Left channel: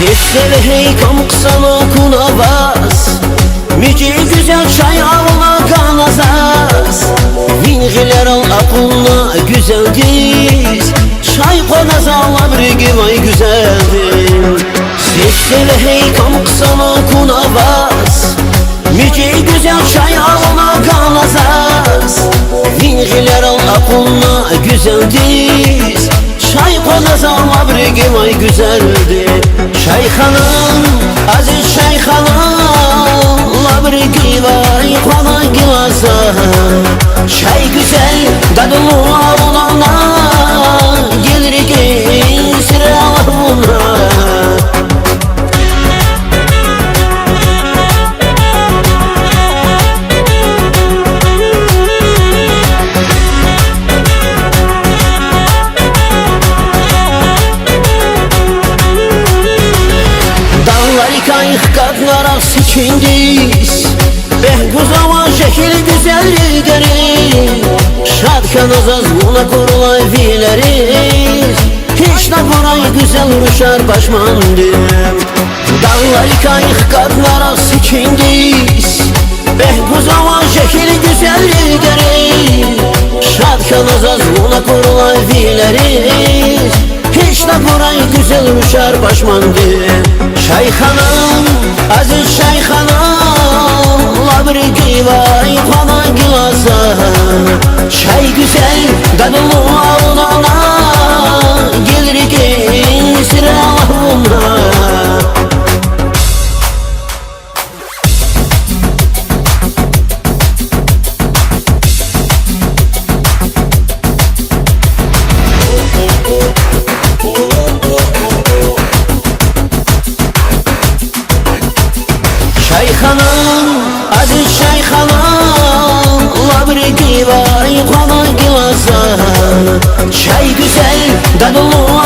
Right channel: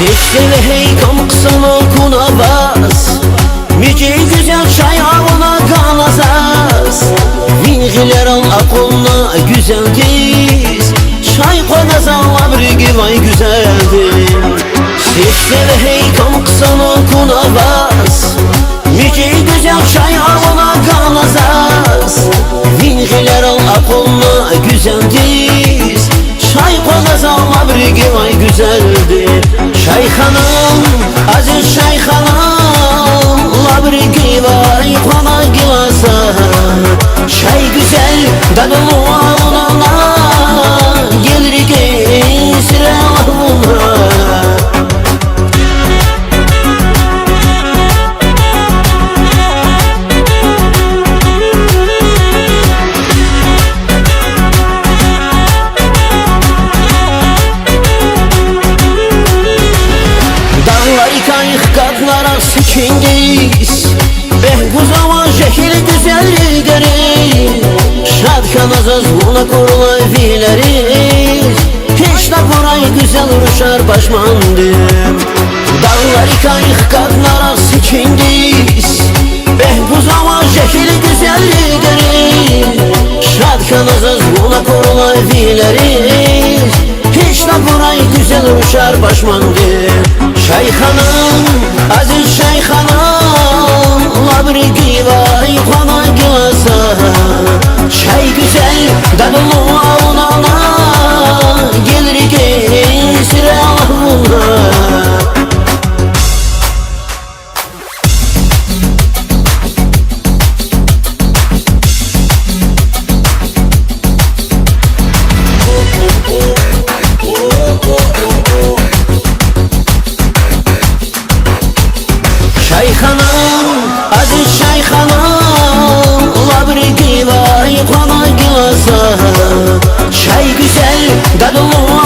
Sesle ve heykam kısana kunavaz Müce güzel çay avına kanazaz Vingiler al aklına güzel diz Çay konaz Allah bir vay güzeldir Sesle ve heykam kısana kunavaz Müce güzel çay avına kanazaz Vingiler al aklına güzel diz Çay konaz Allah bir vay güzeldir Şeyhanım, aziz şeyhanım Labrigi vay kona gilasa Çay güzel, dadlı alınana Gelir ki sıralarına Dağlar kayık katlara sikindiz Behguzama şekil güzelliği gelir Şadkan azaz buna kurulay fileriz Hiç de burayı güzel ruşar başmandım Dağlar kayık katlara sikindiz Behguzama şekil güzelliği gelir Şadkan azaz buna kurulay fileriz Hiç de burayı güzel ruşar başmandım Şeyhanım, aziz şeyhanım Labrigi vay kona gilasa Çay güzel, dadlı avunana Gelir ki sıralarına Şeyhanım, aziz şeyhanım Labrigi vay kona gilasa Çay güzel, dadlı